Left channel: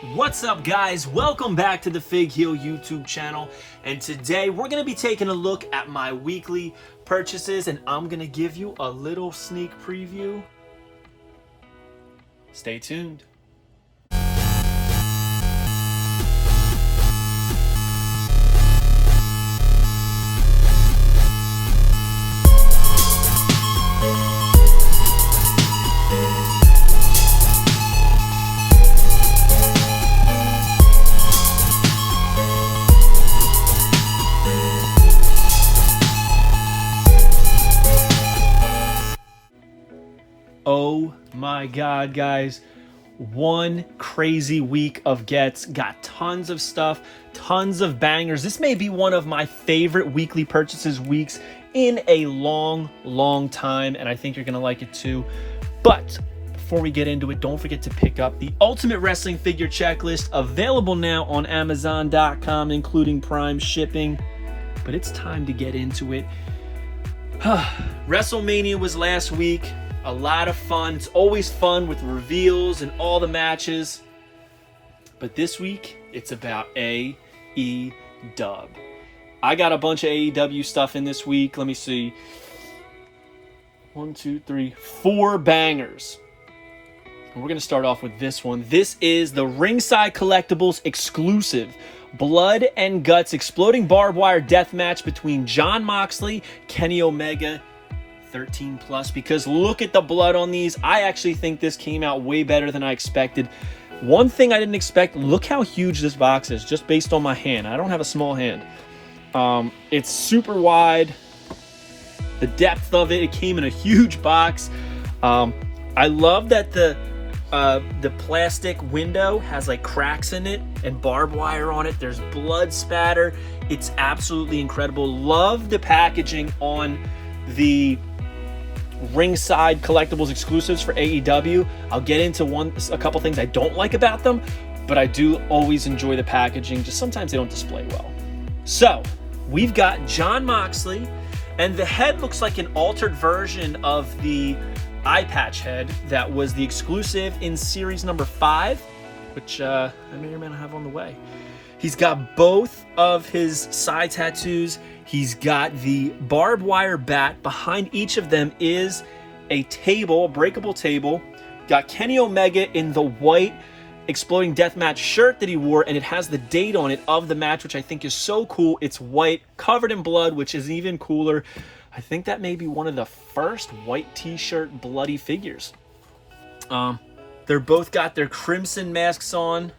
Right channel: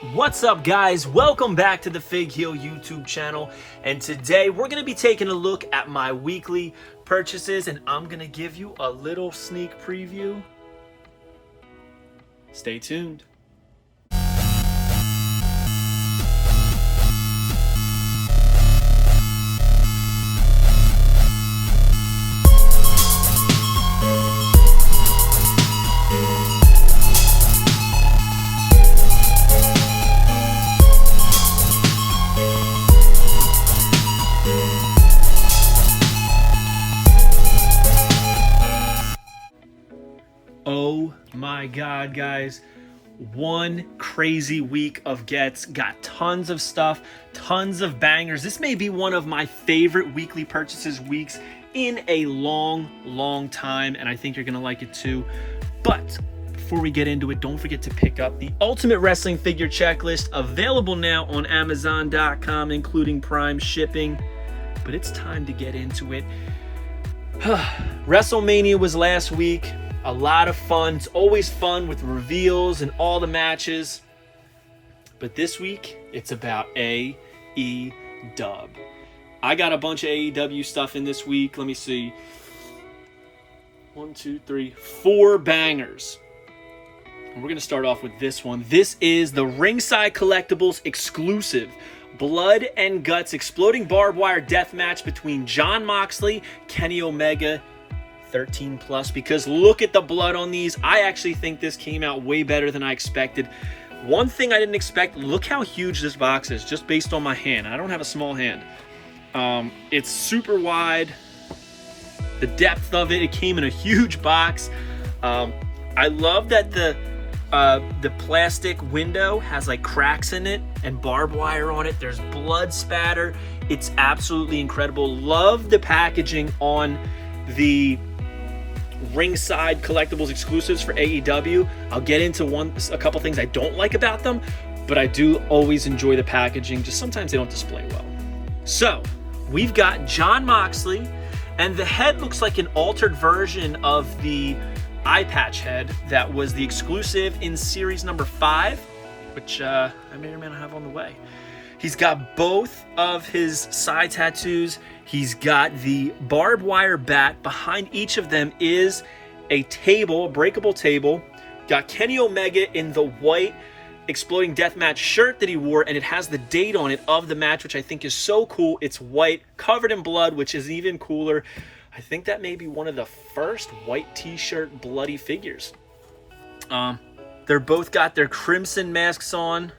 What's up, guys? Welcome back to the Fig Heel YouTube channel, and today we're going to be taking a look at my weekly purchases, and I'm going to give you a little sneak preview. Stay tuned. Oh my God, guys, one crazy week of gets. Got tons of stuff, tons of bangers. This may be one of my favorite weekly purchases weeks in a long time, and I think you're gonna like it too. But before we get into it, don't forget to pick up the Ultimate Wrestling Figure Checklist, available now on Amazon.com, including Prime shipping. But it's time to get into it. WrestleMania was last week. A lot of fun. It's always fun with reveals and all the matches. But this week, it's about AEW. I got a bunch of AEW stuff in this week. Let me see. 1, 2, 3, 4 bangers. And we're going to start off with this one. This is the Ringside Collectibles exclusive Blood and Guts Exploding Barbed Wire Death Match between Jon Moxley, Kenny Omega, 13 plus, because look at the blood on these. I actually think this came out way better than I expected. One thing I didn't expect, look how huge this box is, just based on my hand. I don't have a small hand. It's super wide. The depth of it came in a huge box. I love that the plastic window has like cracks in it and barbed wire on it. There's blood spatter. It's absolutely incredible. Love the packaging on the Ringside Collectibles exclusives for AEW. I'll get into a couple things I don't like about them, but I do always enjoy the packaging. Just sometimes they don't display well. So we've got Jon Moxley, and the head looks like an altered version of the eye patch head that was the exclusive in series number 5, which I may or may not have on the way. He's got both of his side tattoos. He's got the barbed wire bat. Behind each of them is a table, a breakable table. Got Kenny Omega in the white Exploding Deathmatch shirt that he wore, and it has the date on it of the match, which I think is so cool. It's white, covered in blood, which is even cooler. I think that may be one of the first white t-shirt bloody figures. They're both got their crimson masks on.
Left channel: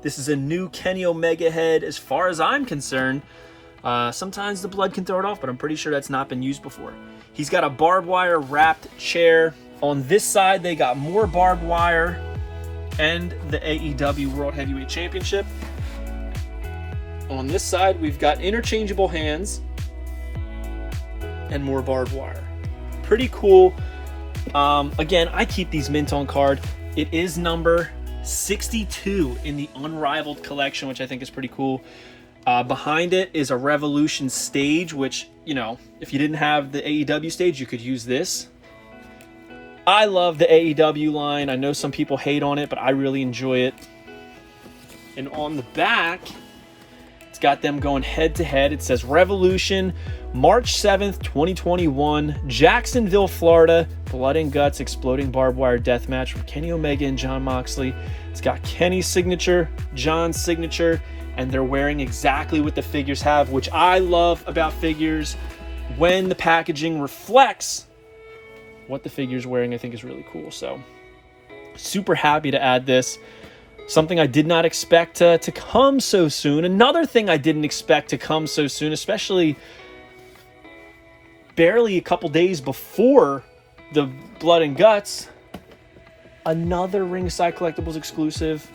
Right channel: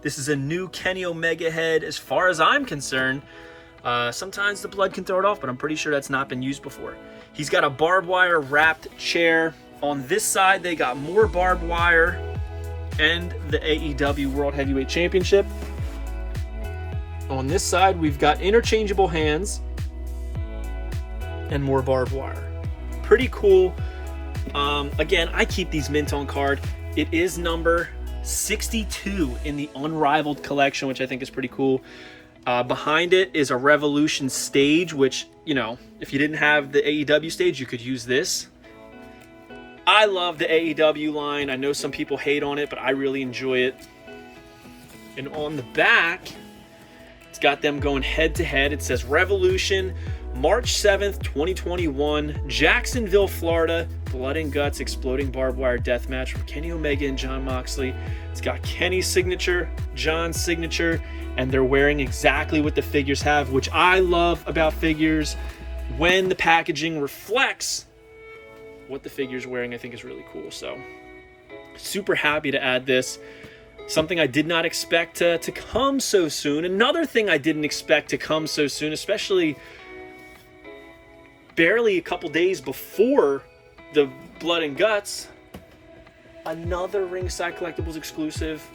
This is a new Kenny Omega head as far as I'm concerned. Sometimes the blood can throw it off, but I'm pretty sure that's not been used before. He's got a barbed wire wrapped chair. On this side, they got more barbed wire and the AEW World Heavyweight Championship. On this side, we've got interchangeable hands and more barbed wire. Pretty cool. Again, I keep these mint on card. It is number 62 in the Unrivaled collection, which I think is pretty cool. Behind it is a Revolution stage, which, you know, if you didn't have the AEW stage, you could use this. I love the AEW line. I know some people hate on it, but I really enjoy it. And on the back, it's got them going head to head. It says Revolution, March 7th, 2021, Jacksonville, Florida, Blood and Guts Exploding Barbed Wire Death Match from Kenny Omega and Jon Moxley. It's got Kenny's signature, Jon's signature, and they're wearing exactly what the figures have, which I love about figures. When the packaging reflects what the figure's wearing, I think is really cool. So super happy to add this. Something I did not expect to come so soon. Another thing I didn't expect to come so soon, especially barely a couple days before the Blood and Guts, another Ringside Collectibles exclusive.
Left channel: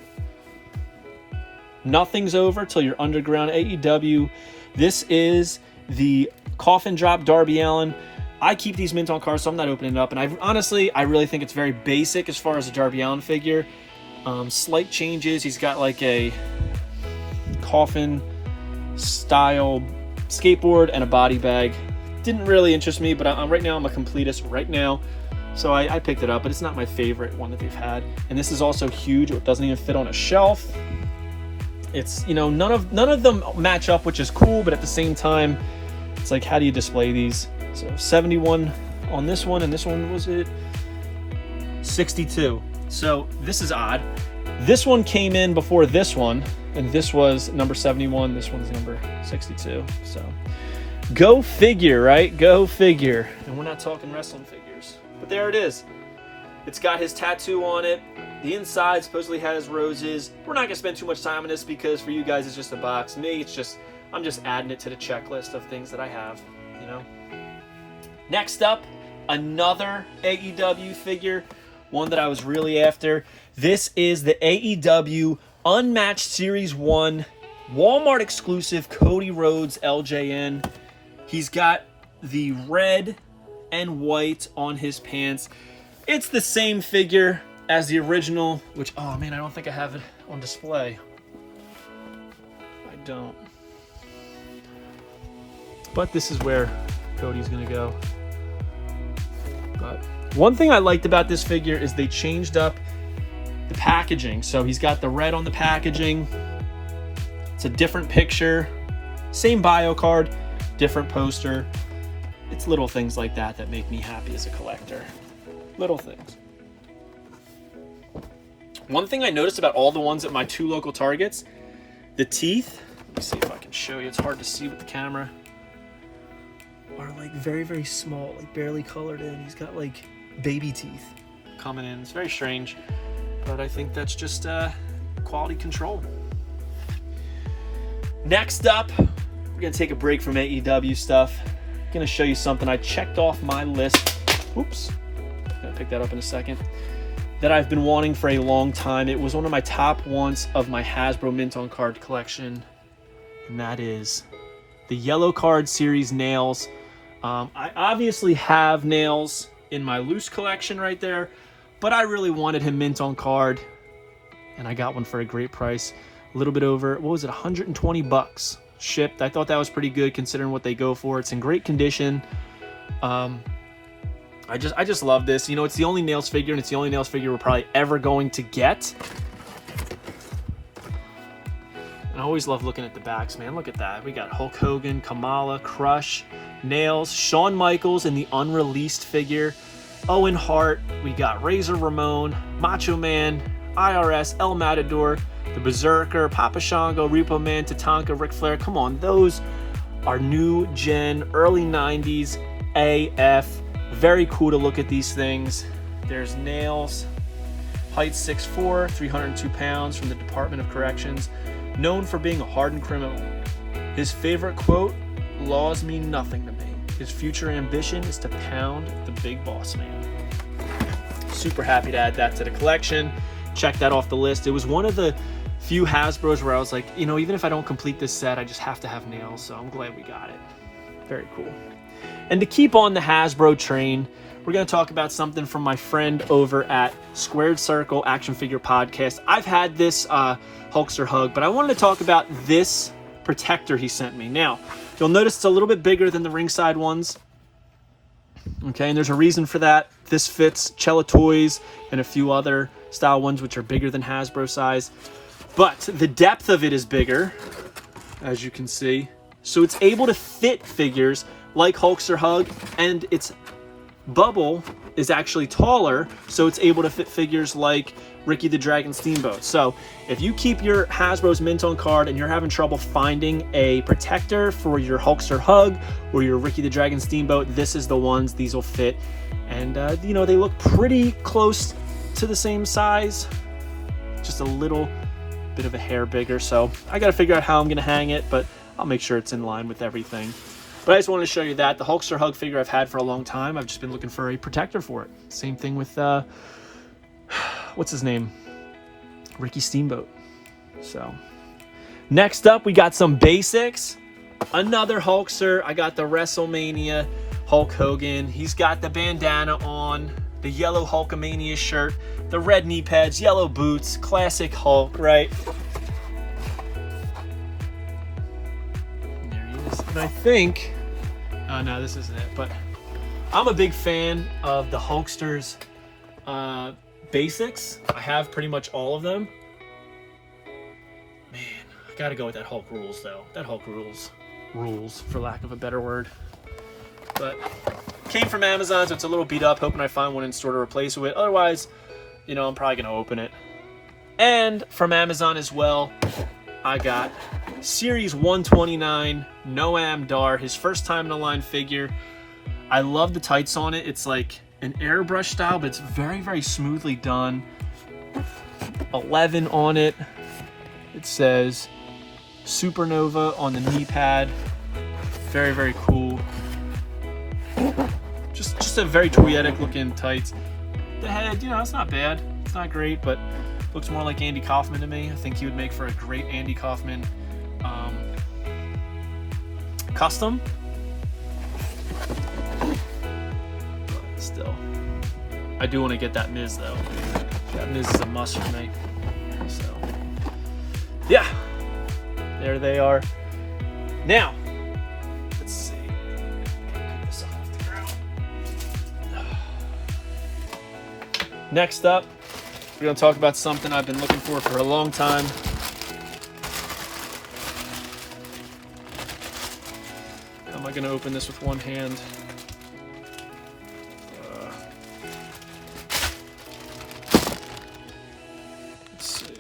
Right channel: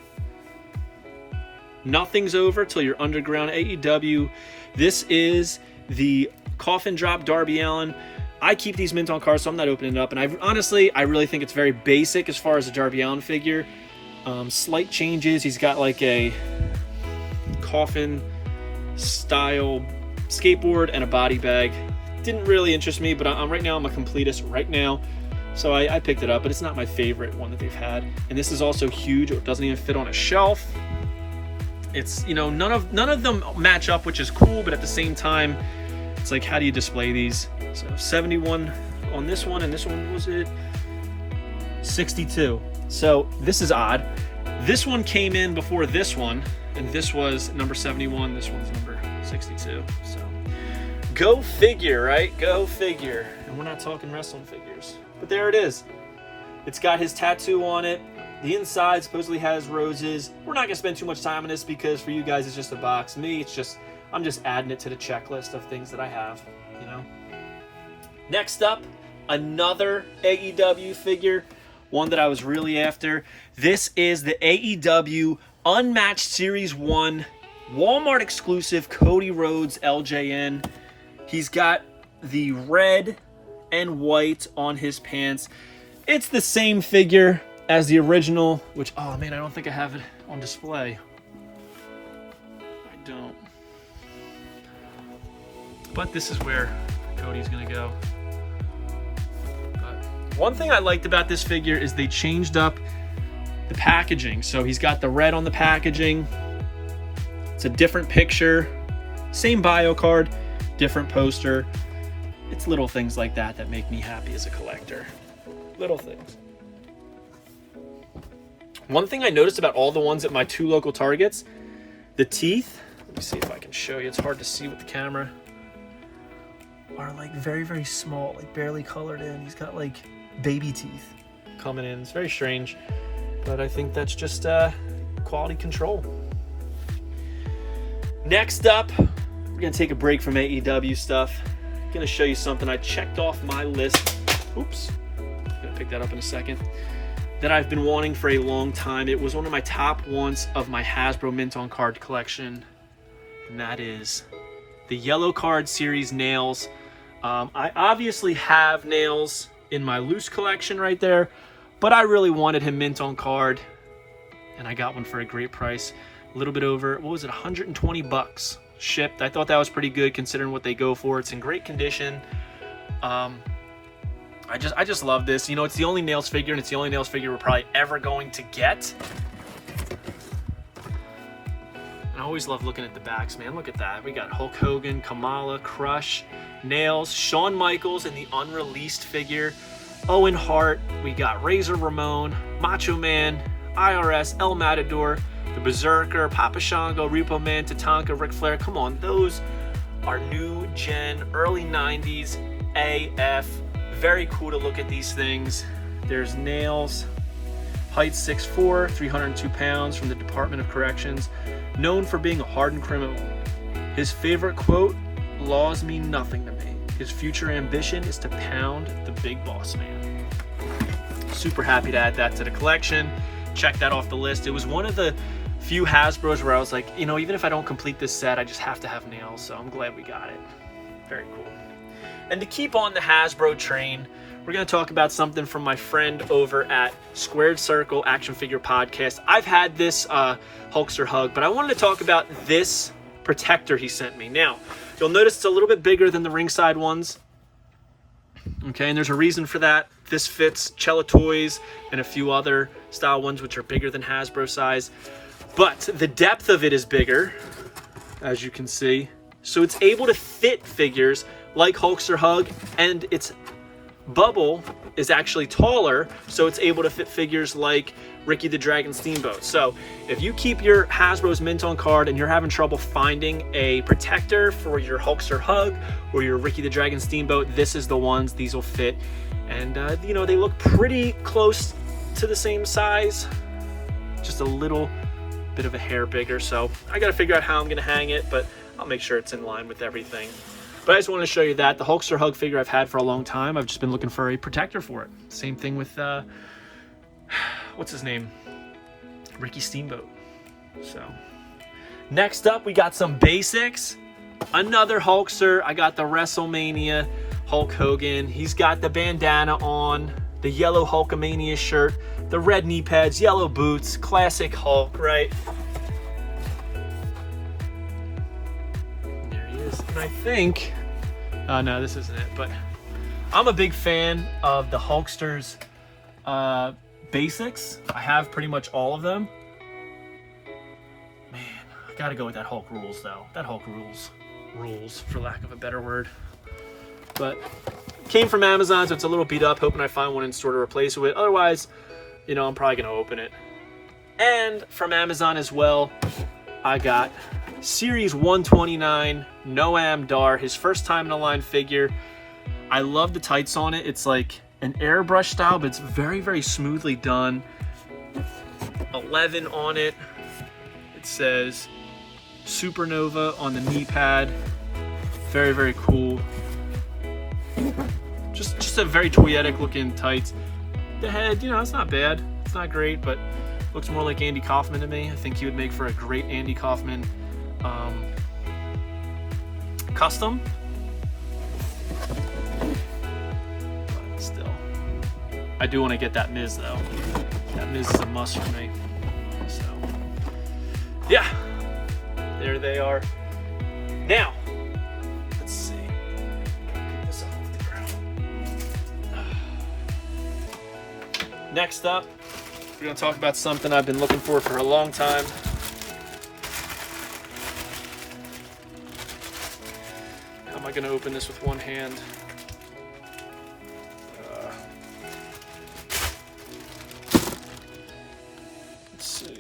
Nothing's over till you're underground AEW. This is the Coffin Drop Darby Allin. I keep these mint on cards, so I'm not opening it up. And I really think it's very basic as far as a Darby Allin figure. Slight changes. He's got like a coffin style skateboard and a body bag. Didn't really interest me, but right now I'm a completist right now. So I picked it up, but it's not my favorite one that they've had. And this is also huge. It doesn't even fit on a shelf. It's, none of them match up, which is cool, but at the same time, it's like, how do you display these? So 71 on this one, and this one, was it 62? So this is odd. This one came in before this one, and this was number 71. This one's number 62. So go figure, right? Go figure. And we're not talking wrestling figures, but there it is. It's got his tattoo on it. The inside supposedly has roses. We're not gonna spend too much time on this because for you guys it's just a box. Me, I'm just adding it to the checklist of things that I have, Next up, another AEW figure, one that I was really after. This is the AEW Unmatched Series 1 Walmart exclusive Cody Rhodes LJN. He's got the red and white on his pants. It's the same figure as the original, which, oh man, I don't think I have it on display. I don't. But this is where Cody's gonna go. But one thing I liked about this figure is they changed up the packaging. So he's got the red on the packaging. It's a different picture, same bio card, different poster. It's little things like that that make me happy as a collector. Little things. One thing I noticed about all the ones at my 2 local Targets, the teeth, let me see if I can show you, it's hard to see with the camera, are like very, very small, like barely colored in. He's got like baby teeth coming in. It's very strange, but I think that's just quality control. Next up, we're gonna take a break from AEW stuff. I'm gonna show you something I checked off my list. Oops, I'm gonna pick that up in a second. That I've been wanting for a long time. It was one of my top ones of my Hasbro Mint on Card collection, and that is the Yellow Card Series nails. I obviously have nails in my loose collection right there, but I really wanted him Mint on Card, and I got one for a great price. A little bit over, what was it, 120 bucks shipped. I thought that was pretty good considering what they go for. It's in great condition. I just love this. It's the only nails figure, and it's the only nails figure we're probably ever going to get. And I always love looking at the backs, man. Look at that. We got Hulk Hogan, Kamala, Crush, Nails, Shawn Michaels in the Unreleased figure, Owen Hart. We got Razor Ramon, Macho Man, IRS, El Matador, the Berserker, Papa Shango, Repo Man, Tatanka, Ric Flair. Come on, those are new gen, early 90s AF. Very cool to look at these things. There's Nails, height 6'4", 302 pounds, from the Department of Corrections, known for being a hardened criminal. His favorite quote, "Laws mean nothing to me. His future ambition is to pound the big boss man." Super happy to add that to the collection. Check that off the list. It was one of the few Hasbros where I was like, even if I don't complete this set, I just have to have Nails, so I'm glad we got it. Very cool. And to keep on the Hasbro train, we're going to talk about something from my friend over at Squared Circle Action Figure Podcast. I've had this Hulkster Hug, but I wanted to talk about this protector he sent me. Now, you'll notice it's a little bit bigger than the ringside ones. Okay, and there's a reason for that. This fits Cella Toys and a few other style ones which are bigger than Hasbro size. But the depth of it is bigger, as you can see. So it's able to fit figures like Hulkster Hug, and its bubble is actually taller, so it's able to fit figures like Ricky the Dragon Steamboat. So if you keep your Hasbro's Mint on Card and you're having trouble finding a protector for your Hulkster Hug or your Ricky the Dragon Steamboat, this is the ones. These will fit, and they look pretty close to the same size, just a little bit of a hair bigger. So I got to figure out how I'm going to hang it, but I'll make sure it's in line with everything. But I just wanted to show you that. The Hulkster Hug figure I've had for a long time. I've just been looking for a protector for it. Same thing with, what's his name? Ricky Steamboat. So, next up, we got some basics. Another Hulkster. I got the WrestleMania Hulk Hogan. He's got the bandana on, the yellow Hulkamania shirt, the red knee pads, yellow boots, classic Hulk, right? And I think, oh no, this isn't it, but I'm a big fan of the Hulkster's basics. I have pretty much all of them. Man, I gotta go with that Hulk rules, though. That Hulk rules, for lack of a better word. But came from Amazon, so it's a little beat up. Hoping I find one in store to replace it with. Otherwise, you know, I'm probably gonna open it. And from Amazon as well, I got Series 129 Noam Dar, his first time in a line figure. I love the tights on it. It's like an airbrush style, but it's very, very smoothly done. 11 on it. It says Supernova on the knee pad. Very, very cool. Just a very toyetic looking tights. The head, you know, it's not bad. It's not great, but looks more like Andy Kaufman to me. I think he would make for a great Andy Kaufman custom. But still, I do want to get that Miz though. That Miz is a must for me. So, yeah, there they are. Now, let's see. Gotta pick this up off the ground. Next up, we're going to talk about something I've been looking for a long time. How am I going to open this with one hand? Let's see.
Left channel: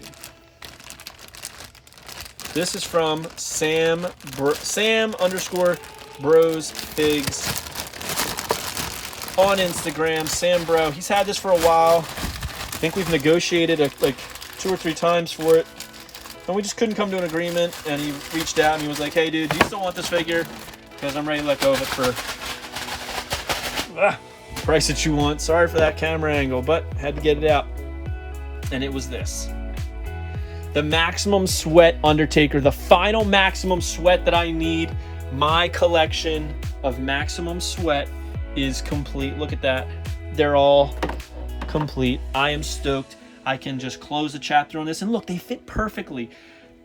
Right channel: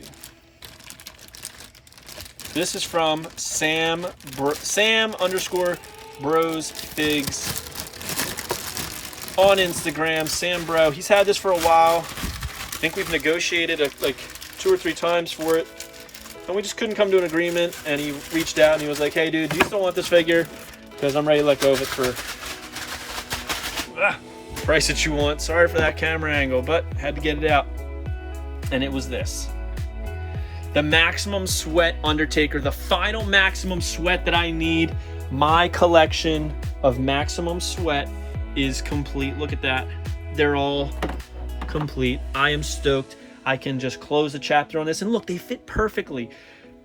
This is from Sam_Bros Figs on Instagram. Sam Bro. He's had this for a while. I think we've negotiated like 2 or 3 times for it, and we just couldn't come to an agreement. And he reached out and he was like, "Hey, dude, do you still want this figure? Because I'm ready to let go of it for the price that you want." Sorry for that camera angle, but had to get it out. And it was this: the Maximum Sweat Undertaker, the final Maximum Sweat that I need. My collection of Maximum Sweat is complete. Look at that. They're all complete. I am stoked. I can just close the chapter on this, and look, they fit perfectly.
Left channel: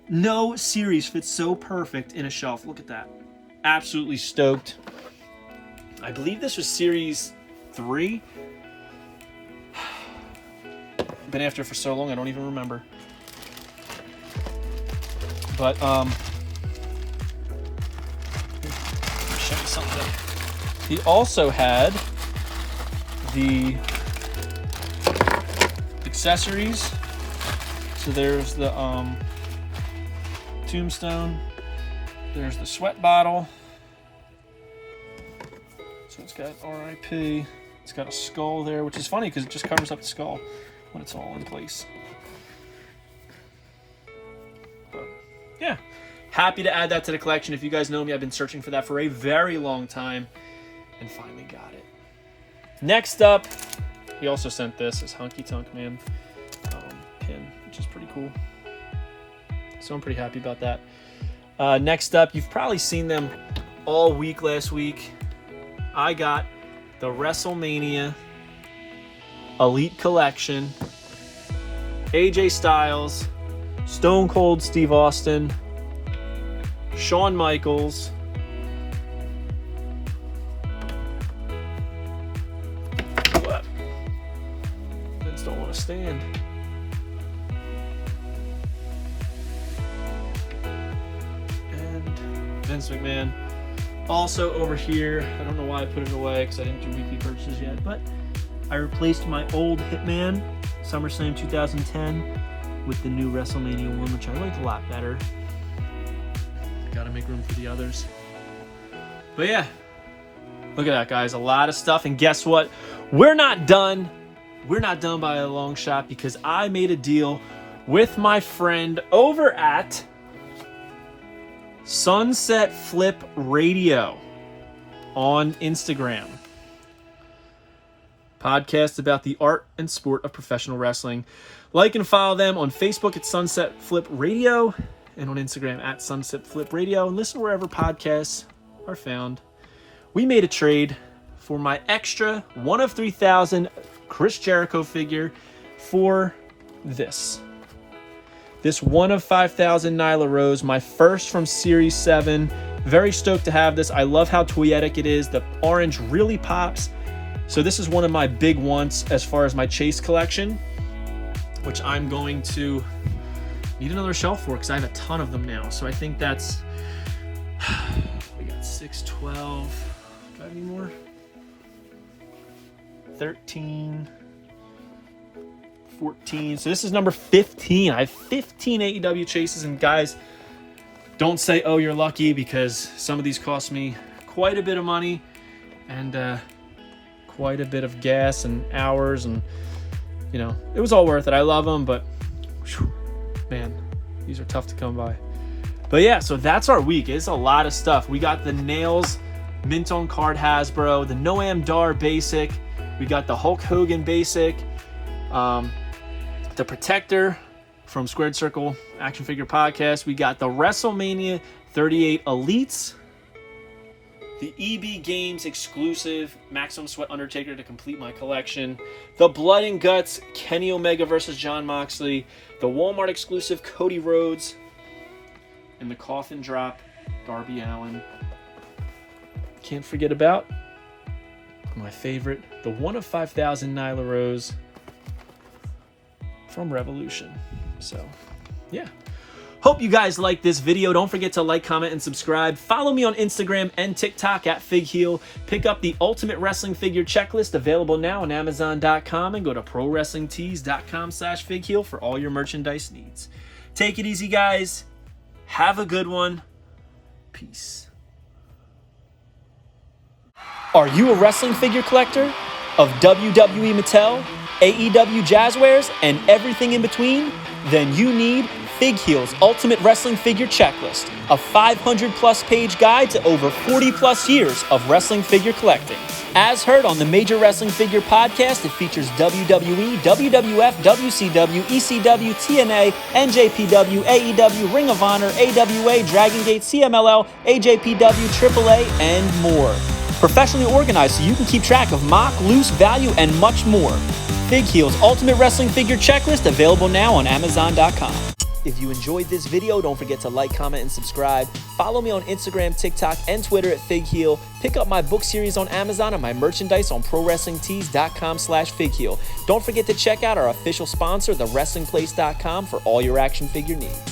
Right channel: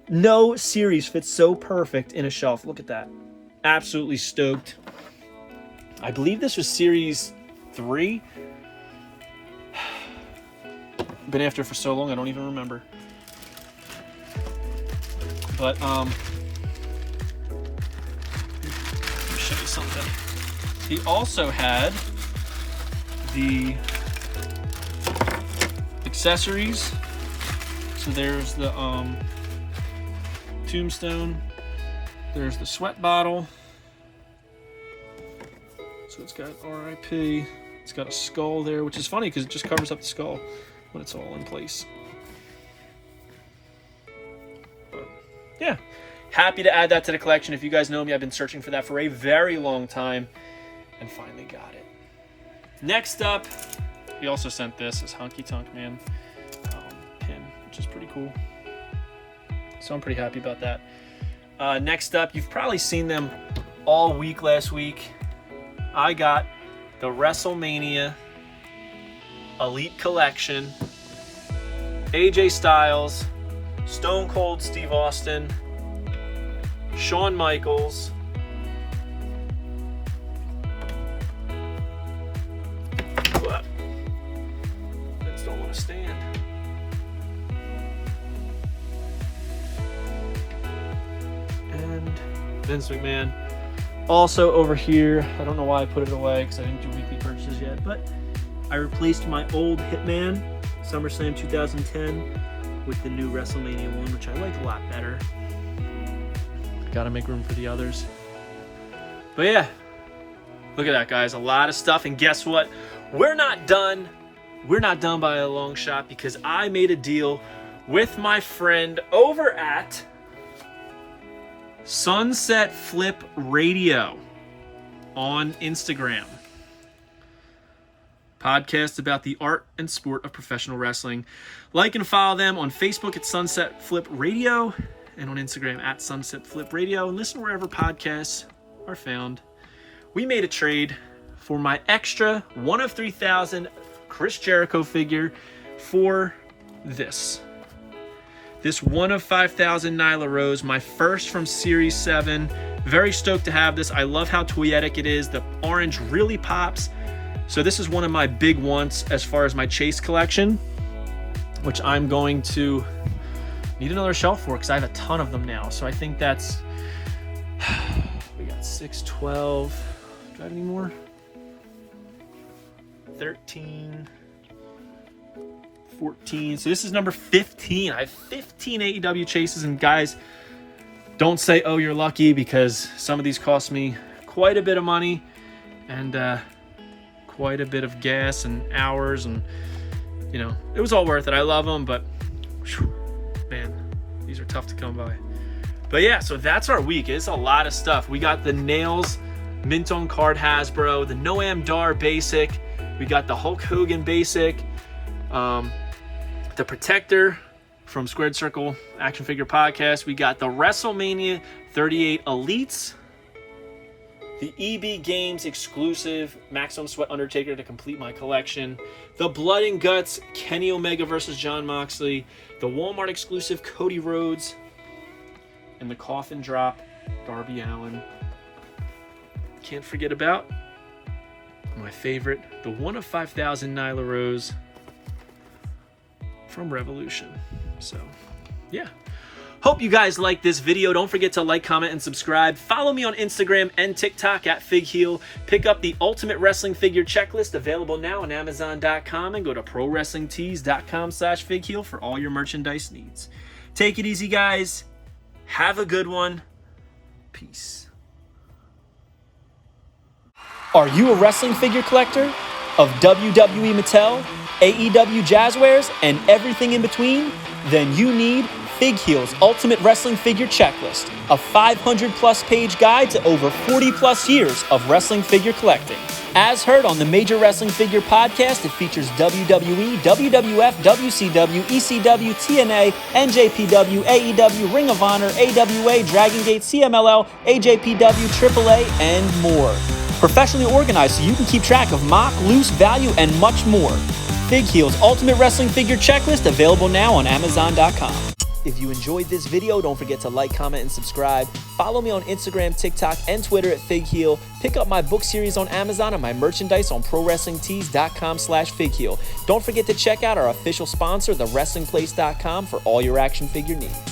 No series fits so perfect in a shelf. Look at that. Absolutely stoked. I believe this was series 3. Been after it for so long I don't even remember. But let me show you something. He also had the accessories. So there's the tombstone, there's the sweat bottle, so it's got RIP, it's got a skull there, which is funny because it just covers up the skull when it's all in place. But yeah, happy to add that to the collection. If you guys know me, I've been searching for that for a very long time and finally got it. Next up, we also sent this as Honky Tonk Man pin, which is pretty cool. So I'm pretty happy about that. Next up, you've probably seen them all week last week. I got the WrestleMania Elite Collection. AJ Styles, Stone Cold Steve Austin, Shawn Michaels, stand. And Vince McMahon. Also over here, I don't know why I put it away because I didn't do weekly purchases yet, but I replaced my old Hitman SummerSlam 2010 with the new WrestleMania 1, which I liked a lot better. Gotta make room for the others. But yeah, look at that, guys. A lot of stuff. And guess what? We're not done. We're not done by a long shot because I made a deal with my friend over at Sunset Flip Radio on Instagram. Podcast about the art and sport of professional wrestling. Like and follow them on Facebook at Sunset Flip Radio and on Instagram at Sunset Flip Radio, and listen wherever podcasts are found. We made a trade for my extra 1 of 3,000 Chris Jericho figure for this 1 of 5,000 Nyla Rose, my first from Series 7. Very stoked to have this. I love how toyetic it is. The orange really pops. So this is one of my big wants as far as my Chase collection, which I'm going to need another shelf for because I have a ton of them now. So I think that's, we got 6, 12, do I have any more? 13, 14. So this is number 15. I have 15 AEW Chases, and guys, don't say, oh, you're lucky, because some of these cost me quite a bit of money and quite a bit of gas and hours, and you know, it was all worth it. I love them, but whew, man, these are tough to come by. But yeah, so that's our week. It's a lot of stuff. We got the Nails Mint on Card Hasbro, the Noam Dar Basic, we got the Hulk Hogan Basic, the Protector from Squared Circle Action Figure Podcast. We got the WrestleMania 38 Elites, the EB Games exclusive Maximum Sweat Undertaker to complete my collection, the Blood and Guts Kenny Omega versus Jon Moxley, the Walmart exclusive Cody Rhodes, and the Coffin Drop Darby Allin. Can't forget about my favorite, the 1 of 5,000 Nyla Rose from Revolution. So, yeah. Hope you guys like this video. Don't forget to like, comment, and subscribe. Follow me on Instagram and TikTok at FigHeal. Pick up the Ultimate Wrestling Figure Checklist, available now on Amazon.com, and go to ProWrestlingTees.com/FigHeal for all your merchandise needs. Take it easy, guys. Have a good one. Peace. Are you a wrestling figure collector of WWE Mattel, AEW Jazzwares, and everything in between? Then you need FigHeal's Ultimate Wrestling Figure Checklist, a 500-plus page guide to over 40-plus years of wrestling figure collecting. As heard on the Major Wrestling Figure Podcast, it features WWE, WWF, WCW, ECW, TNA, NJPW, AEW, Ring of Honor, AWA, Dragon Gate, CMLL, AJPW, AAA, and more. Professionally organized so you can keep track of mock, loose, value, and much more. FigHeal's Ultimate Wrestling Figure Checklist, available now on Amazon.com. If you enjoyed this video, don't forget to like, comment, and subscribe. Follow me on Instagram, TikTok, and Twitter at FigHeal. Pick up my book series on Amazon and my merchandise on ProWrestlingTees.com/FigHeal. Don't forget to check out our official sponsor, TheWrestlingPlace.com, for all your action figure needs.